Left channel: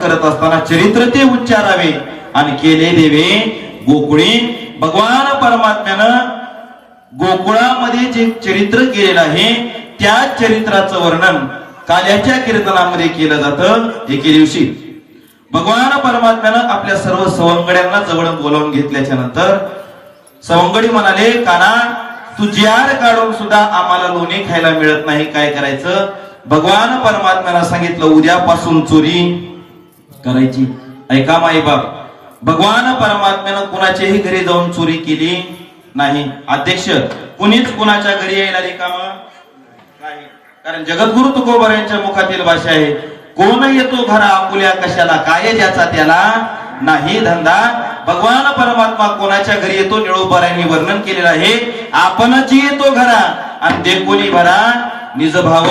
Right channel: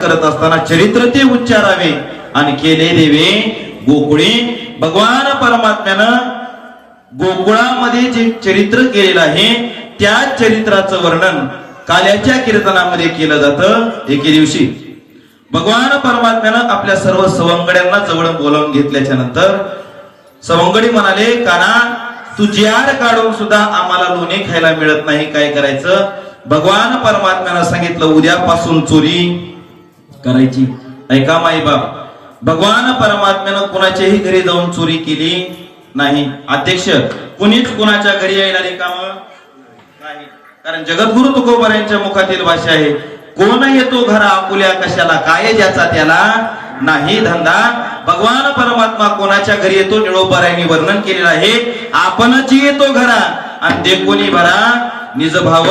करत असताना चरित्र ते उच्चारावे आणि केले देवे गोकुळे. भगवान परमात्म्यानं गोकुळामध्ये जे चरित्र केलेलं आहे त्या चरित्राचं वर्णन काल्याच्या कीर्तनामध्ये केलं जातं. एके दिवशी भगवान परमात्म्यानं आपल्या सर्व सवंगड्यांना जवळ बोलावून घेतल्याच्या नंतर सवंगडी म्हणाले, काना तू जियार काढून सुद्धा आम्हाला लोणी खायला मिळत नाही, काय करायचं? भगवान परमात्म्यानं सांगितलं, उद्यापासून चोरी करायची. ऐका माई बाप, भगवान परमात्म्यानं कुणाच्याही घरी जाऊन चोरी केली नाही. अध्यक्ष, कुणीच कुणाच्या घरी यायला रिकाम नाही. कारण जगद्गुरु तुकोबर यांच्या मुखातील भाषा आहे, कोण येतो घरा आपुल्या कशाला, काय ज्याचा त्याला नाही धंदा. भगवान परमात्मा कोणाच्या घरी येतो निळोबारायांनी वर्णन केलेलं आहे. आपणच येतो घरा आणि देखोनी भरा निज भाव.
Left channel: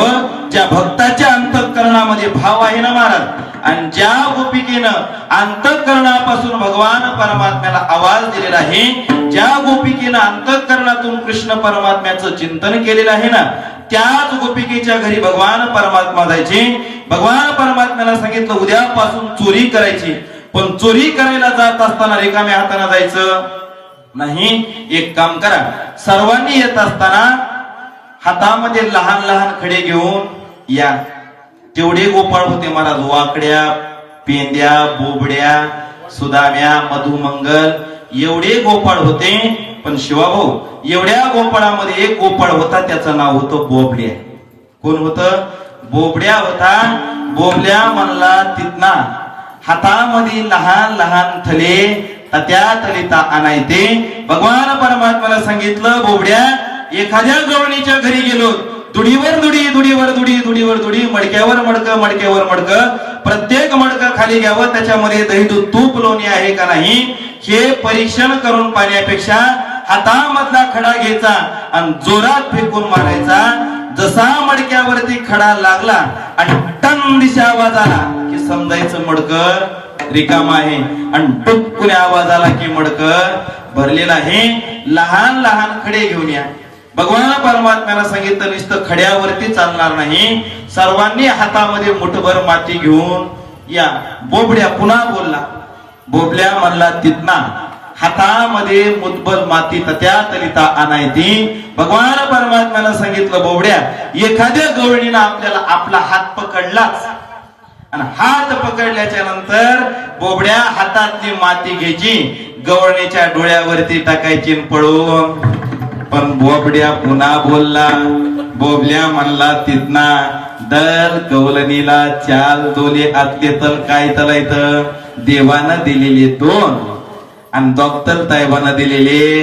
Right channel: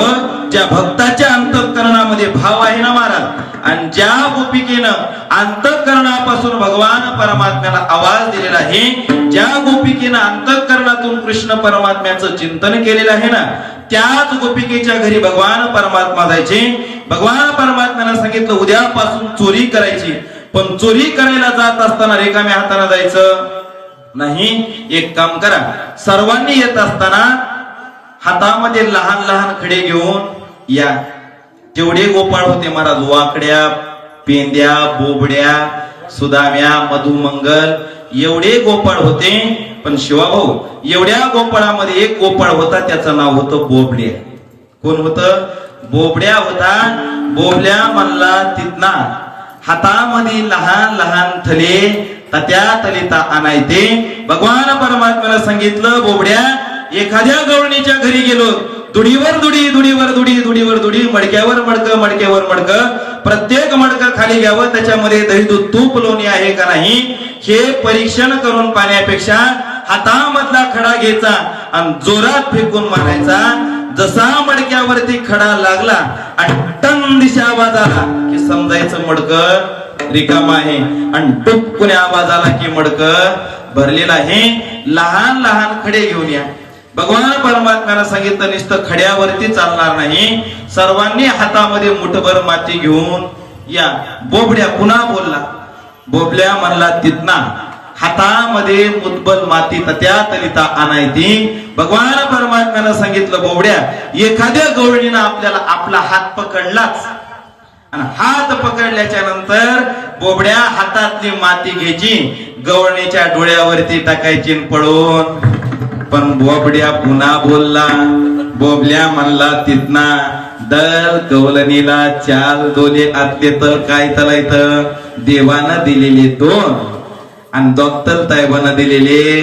ज्या भक्ताच्या अंतःकरणामध्ये भाव आहे ना महाराज, आणि ज्या गोपिकेनं अंतःकरणापासून भगवान परमात्म्याला आवाज दिलेला आहे, ज्या गोपिकेनं अंतःकरणातून कृष्ण परमात्म्याचं चिंतन केलेलं आहे ना, त्याच गोपिकेच्या घरी भगवान परमात्मा जायचे. भगवान परमात्म्याला सांगितलं उद्यापासून चोरी करायची. पण चोरी करायला जात असताना रिकाम्या हाताने जायचं नाही. एक काम करा, सर्वांनी येत असताना हातामध्ये लहान लहान खडे घेऊन या. तेवढे गोपाळ होते महाराज, वाकड्या, पेंद्या, बोबड्या, सुदाम्या, मधुमंगल एवढे गोपाळ होते. पण शिवाभाऊ, एवढ्या गोपाळामध्ये एक गोपाळ होता, त्याचं नाव होतं बोबड्या. कोण होतं? बोबड्या होता. बोबड्या म्हणला तिथना हातामध्ये लहान लहान थले त्या तलिता आणायचे. भगवान परमात्म्याला सांगितलं, बोबड्या एखाद्या गवळणीच्या घरी गेलो, दुडीवर दुडी, दुडीवर दुडी, दुडीवर दुडी, मडक्यावर मडक, मडक्यावर मडक, प्रत्येक मडक खाली घ्यावं, त्याच्यामध्ये दही दूध तूप लोणी आहे का नाही हे परीक्षण करून पाहण्यापेक्षा हातामधला खडा घ्यायचा आणि जोरात फेकून मारायचा. जसा मडक्यावरती खडा लागला आणि टन दिशा आवाज आला की समजायचं मडक रिकाम आहे, आणि टुपकुने आवाज आला की मडक भरलेला आहे. लहान लहान खडे घेऊन या. भगवान परमात्म्याला सांगितलं नुसतं खड्यावरती चालणार नाही, सर्वांनी हातामध्ये मुठभर माती घेऊन या. बोबड्या पुन्हा बोलला. बोबड्या म्हणला तिथना हातामध्ये मुठभर माती त्या तलिता आणायची. भगवान परमात्म्याला सांगितलं, बोबड्या एखाद्या गवळणीनं आपल्याला आपला हात पकडलाच आणि हात पकडल्याच्या नंतर बोबड्या हातातली माती घ्यायची, गवळणीच्या डोळ्यावरती टाकायची पळून. पण बोबड्या पुन्हा बोलला. बोबड्या म्हणला तिथना दर गवळणीला चाल दोले आतले तर काय तलायत, देवानं दिलेले दोन आणि डॉक्टर साहेबांना दिलेले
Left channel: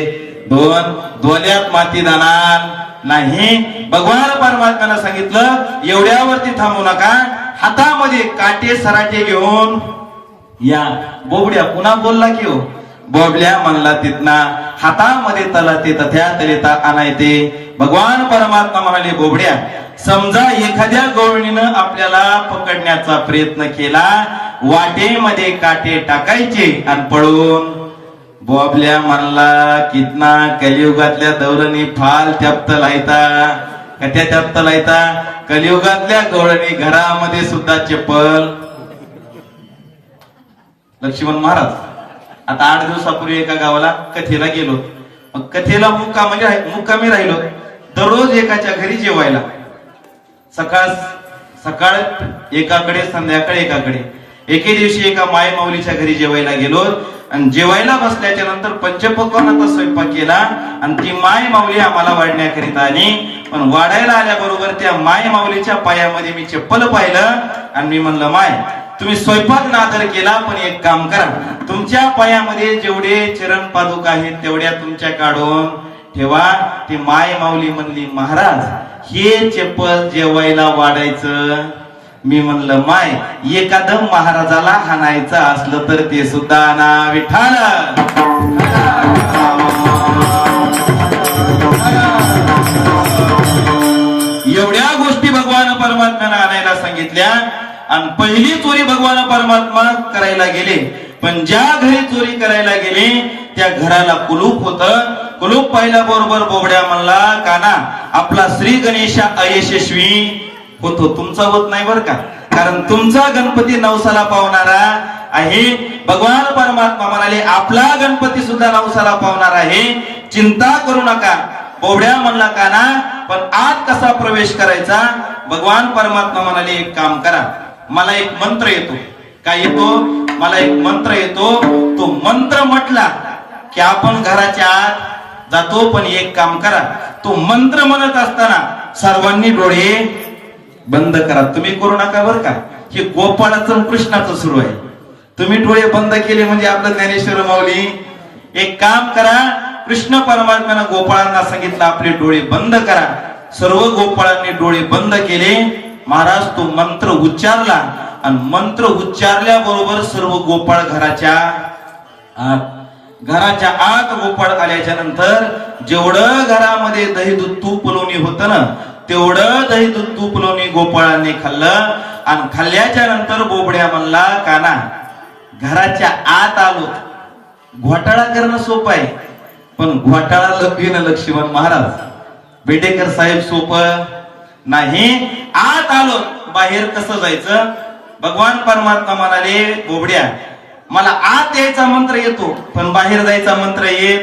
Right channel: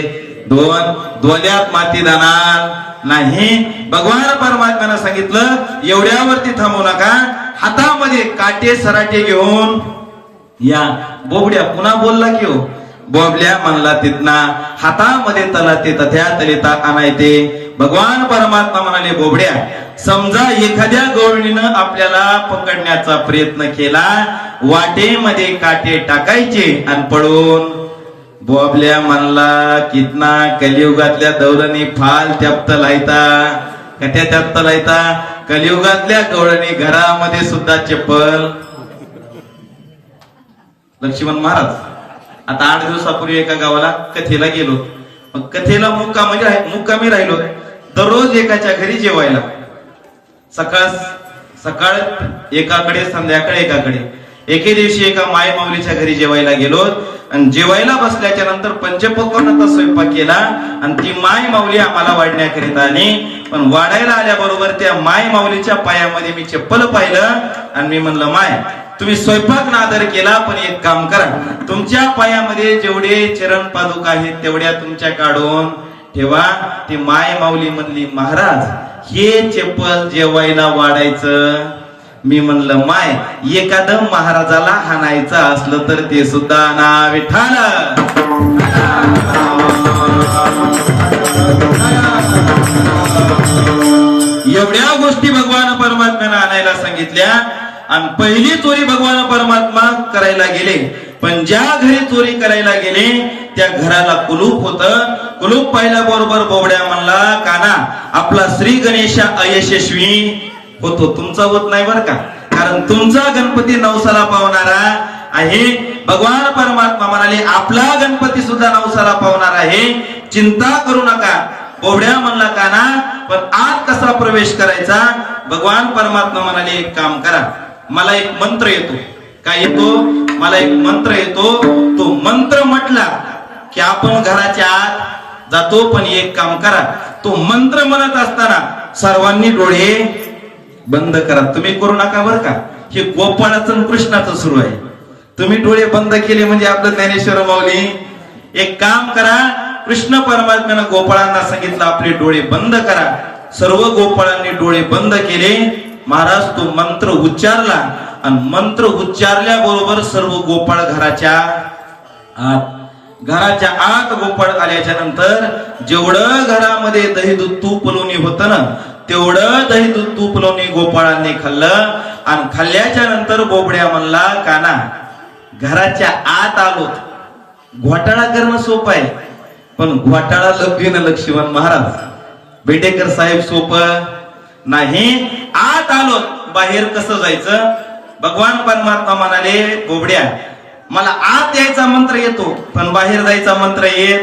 दोन, दोल्यात माती जाणार नाही. भगवान परमात्म्याला सांगितलं एवढ्यावरती थांबू नका, हातामध्ये काटे सराटे घेऊन या. बोबड्या पुन्हा बोलला की हो. बोबड्या म्हणला तिथना हातामध्ये तलाते तथ्या तलिता आणायचे. भगवान परमात्मा म्हणाले, बोबड्या समजा एखाद्या गवळणीनं आपल्याला पकडण्याचा प्रयत्न केला, वाटेमध्ये काटे टाकायचे आणि पळून. बोबल्या म्हणला कितना कलियुगातल्या दौरणी फाल त्याप्त लायता, कट्या त्याप्त लायता. कलियुगातल्या गवळणी घरामध्ये सुद्धा चप्पल. लक्ष्मण महाराज आता 8 दिवसापूर्वी एका गावाला कथेला गेलो. कथेला मुक्कामी राहिलो. दररोज एकाच्या घरी जेवायला, सकाळ एकाकडे, संध्याकाळी एकाकडे. एके दिवशी एका माय माऊलीच्या घरी जेवायला गेलो आणि जेवायला बसल्याच्या नंतर पंचपक्वान्नाचा स्वयंपाक केला आणि ती माय माऊली आम्हाला वाढण्याकरिता आली. पण वाढायला आल्याबरोबर त्या माय माऊलीच्या पायामध्ये मी चप्पल पाहिलं आणि मी म्हणलं, माय तुम्ही स्वयंपाक नादर केला, पण एक काम करा, तुमच्या पायामध्ये जेवढे चरण पादुका आहेत तेवढ्या तुमच्या काढून ठेवा. ती माय माऊली म्हणली, महाराज हे चप्पल जेवायला वाढायचं. मी म्हणलं, माय एखादं महाराजाला हाणायचं असलं तर ते सुद्धा ना विठाल. एवढ्या गोष्टी भगवान परमात्म्याला आणायला सांगितल्या आणि पहिली चोरी भगवान परमात्मा करायला गेले. पण ज्या घरी चोरी करायला गेले त्या घराला कुलूप होतं. कुलूप पाहिल्याबरोबर बोबड्या म्हणला, काना आपला श्री गणेश अयशस्वी होतो, तुमचा होत नाही बरं का. कारण तुमचा गणपती नवसाला पावणारा आहे. भगवान परमात्मा म्हणाले आपला गणपती सुद्धा नवसाला पावणार आहे, चिंता करू नका. बोबड्या म्हणला काना, पण आत कसा प्रवेश करायचा? भगवान परमात्मा म्हणाले एक काम करा, मला एक मंत्र येतो. काय येतो? मला एक मंत्र येतो. तो मंत्र म्हटला की आपण घराच्या आत जातो. पण एक काम करा, तो मंत्र म्हणत असताना सर्वांनी डोळे बंद करा. तुम्ही करू नका बरं का, हे गोपाळाचं कृष्णाचं सुरू आहे. तुम्ही डोळे बंद केले म्हणजे आपलं ज्ञानेश्वर माऊली. एक काम करा, कृष्ण परमात्म्यानं गोपाळांना सांगितलं आपले डोळे बंद करा. सर्व गोपाळांनी डोळे बंद केले. महाराज तो मंत्र उच्चारला आणि मंत्र उच्चारल्याबरोबर सर्व गोपाळ घराच्या आत गोपाळ आल्याच्या नंतर जेवढं घरामध्ये दही दूध तूप लोणी होतं ना, तेवढं दही दूध तूप लोणी गोपाळांनी खाल्लं. आणि खाल्ल्याच्या नंतर बोबड्या म्हणला काना, घराच्या आत आलो. घोटाळा करणं सोपं आहे, पण घोटाळा लपविणं लक्ष्मण महाराज बेडेकर साहेब सोपं नाही. आत आलो, बाहेर कसं जायचं? भगवान परमात्मा म्हणाले बोबड्या, मला आत यायचा मंत्र येतो, पण बाहेर जायचा मंत्र येत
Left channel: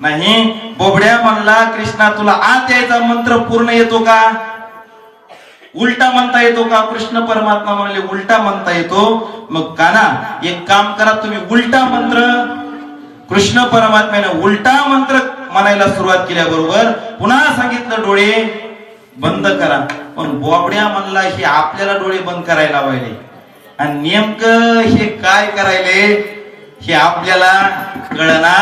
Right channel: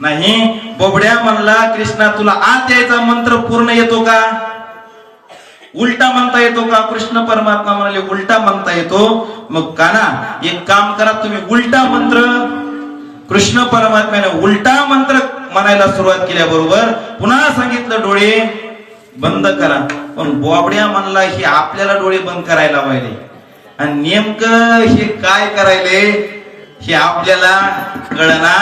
नाही. बोबड्या म्हणला कृष्णा, तुला आत यायचा मंत्र पूर्ण येतो का? उलटा म्हणता येतो का? कृष्ण परमात्मा म्हणाले उलटा म्हणता येतो. मग काना एक काम करा, तुम्ही उलटा मंत्र. कृष्ण परमात्म्याने उलटा मंत्र म्हणायला सुरुवात केल्याबरोबर पुन्हा सांगितलं डोळे बंद करा. पण बोबड्या म्हणला हे आपल्याला डोळे बंद करायला पाहिजे, आणि नेमकं हे काय करायले हे आपल्याला कळना.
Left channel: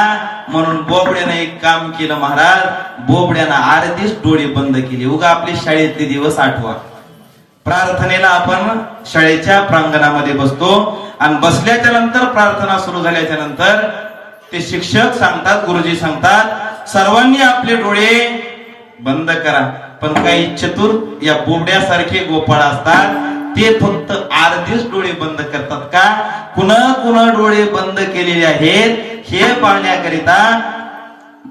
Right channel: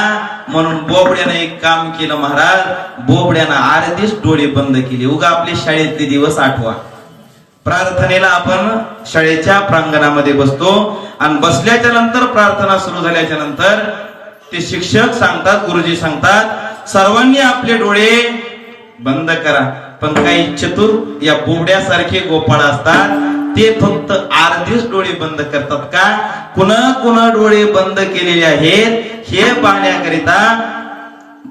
म्हणून बोबड्याने एक काम केलं महाराज, बोबड्यानं आरतीच डोळे बंद केले. उगा आपले शाळेतले दिवस आठवा. प्रार्थनेला आपण शाळेच्या प्रांगणामध्ये बसतो आणि बसल्याच्या नंतर प्रार्थना सुरू झाल्याच्या नंतर ते शिक्षक सांगतात, गुरुजी सांगतात सर्वांनी आपले डोळे बंद करा. पण काही चतुर या बोबड्यासारखे गोपाळ असतात, ते फक्त अर्धेच डोळे बंद करतात. का? कुणा डोळे बंद केलेले आहेत हे पाहण्याकरिता.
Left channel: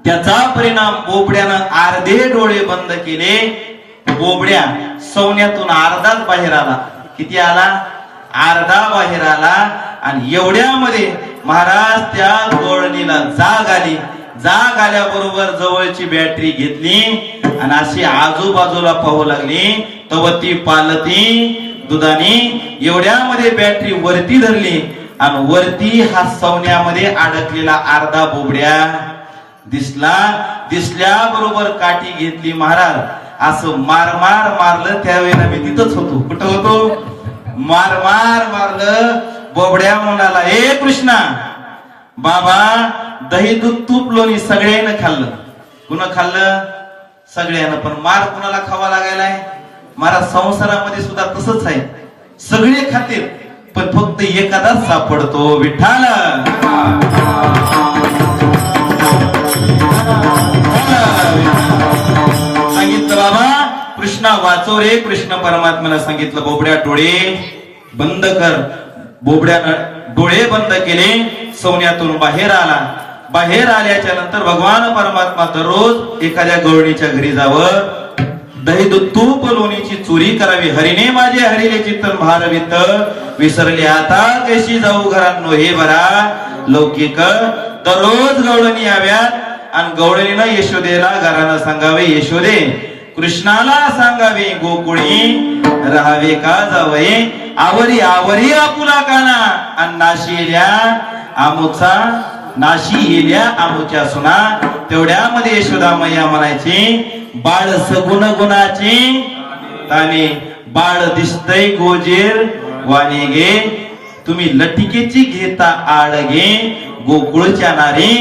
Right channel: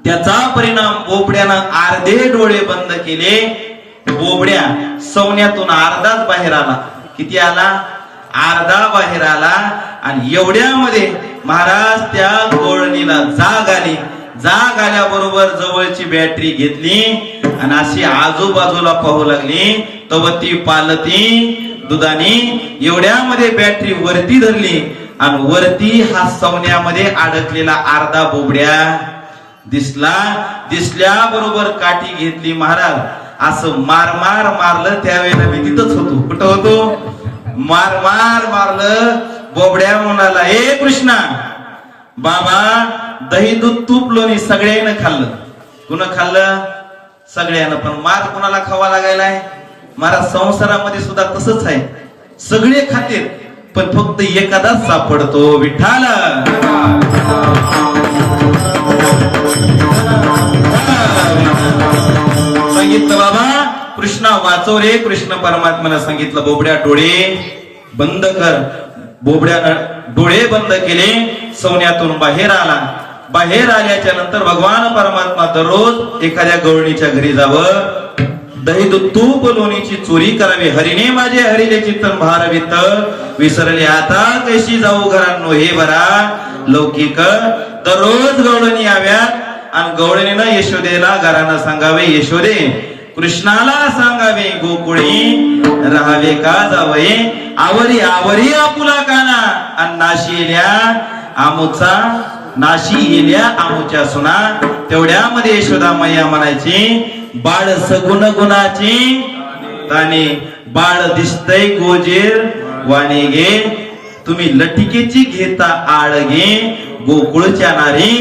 त्याचा परिणाम बोबड्यानं अर्धे डोळे बंद केले. बोबड्या सवण्यातून अर्धाच बाहेर आला. किती आला? अर्धा बाहेर आला. आणि एवढ्यामध्ये महाराज त्या गोळणीला जाग आली. जाग आल्याबरोबर जवळची बॅटरी घेतली आणि अशी आजूबाजूला पाहू लागली. तवती पालती दुधानी एवढ्यामध्ये बॅटरी वरती धरली आणि वरती हा सवण्यामध्ये अडकलेला अर्धा बोबड्या दिसला. दिसल्याबरोबर काठी घेतली. महाराज असं मारलं. त्यावेळेला मी तिथंच होतो. कुठं होतो? मारलं. बोबड्या म्हणाला, ए कृष्णा बाबा, दही दूध तूप लोणी सगळ्यांना खाल्लं. कुणा खाल्लं? सगळ्यांना. पण मार कुणाला खावा लागायलाय? महाराज संसारामध्ये सुद्धा तसंच आहे, सगळे खाते पण फक्त एखादाच सापडतो. विठ्ठल सांगितलं बाबा कृष्णा वाचव रे. कृष्ण परमात्म्याला सांगितलं बोबड्या डोळे बंद कर. बोबड्यानं डोळे बंद केले. सवण्यातून बाहेर आला. बाहेर आल्याच्या नंतर भगवान परमात्मा दररोज एखाद्या गवळणीच्या घरी जावं, दही दूध तूप लोणीची चोरी करावी. हरिने माझे हरिले चित्तन भारवित, विसरले आता कशी जाऊ घरांनो हे बरा लौकिक. दररोज गवळणी याव्यात आणि गवळणीनं यशोदेला घरानं सांगावे, यशोदे कृष्णाला सांगावे गोकुळी राहावे का जावये. आवरी आवरी आपुला काना आणि नाशी येल्या आमुचा, नाशी येल्या आमुच्या सुना. तेवढ्यामध्ये यशोदा मैया म्हणायची, बाळ सगुण गुणाची ताने, बाळ दिसतय गोजीर वाणे गे. तुम्ही लटिकेची घेता आळ गे. गोकुळच्या नारी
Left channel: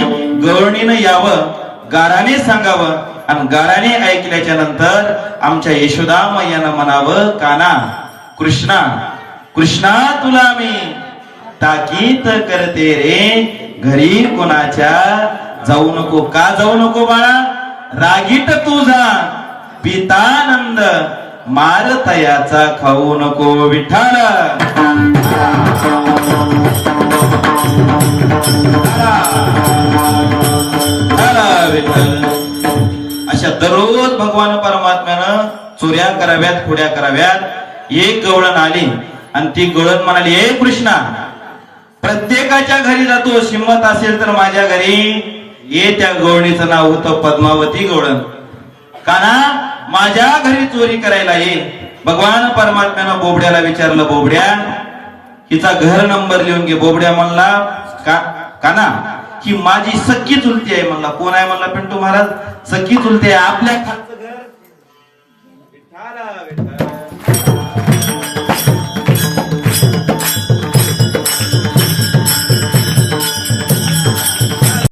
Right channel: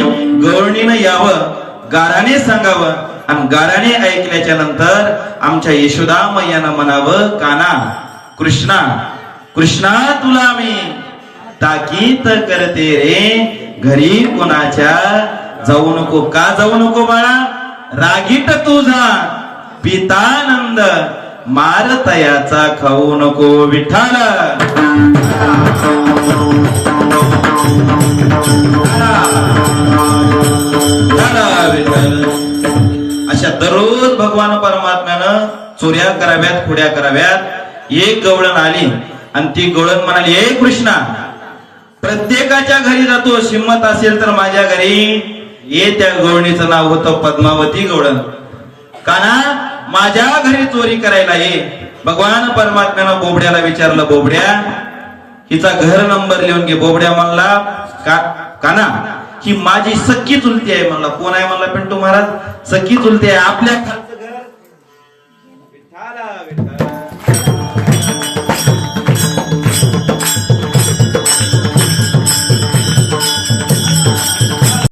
गवळणीनं यावं, गाराने सांगावं आणि गाराने ऐकल्याच्या नंतर आमच्या यशोदा मैयानं म्हणावं, काना कृष्णा कृष्णा तुला मी ताकीद करते रे. घरी कोणाच्या जाऊ नको. का जाऊ नको बाळा? रागीट तुझा पितानंद, मार तयाचा खाऊ नको. विठ्ठल अशा दररोज भगवान परमात्म्यानं चोऱ्या कराव्यात, खोड्या कराव्यात. एक गवळण आली आणि ती गवळण म्हणाली, हे कृष्णा, प्रत्येकाच्या घरी जातो, हिंमत असेल तर माझ्या घरी ये. त्या गवळणीचं नाव होतं पद्मावती गवळण. काना, माझ्या घरी चोरी करायला ये. भगवान परमात्म्यानं बोबड्याला विचारलं, बोबड्या, हिचा घर नंबर लिहून घे. बोबड्या म्हणला, काना, ही माझी सख्खी चुलती आहे. म्हणला, कोण आहे? म्हणला, पिंटू महाराज. सख्खी चुलती आहे. आपल्या खालचं घर. विठ्ठला विठ्ठला.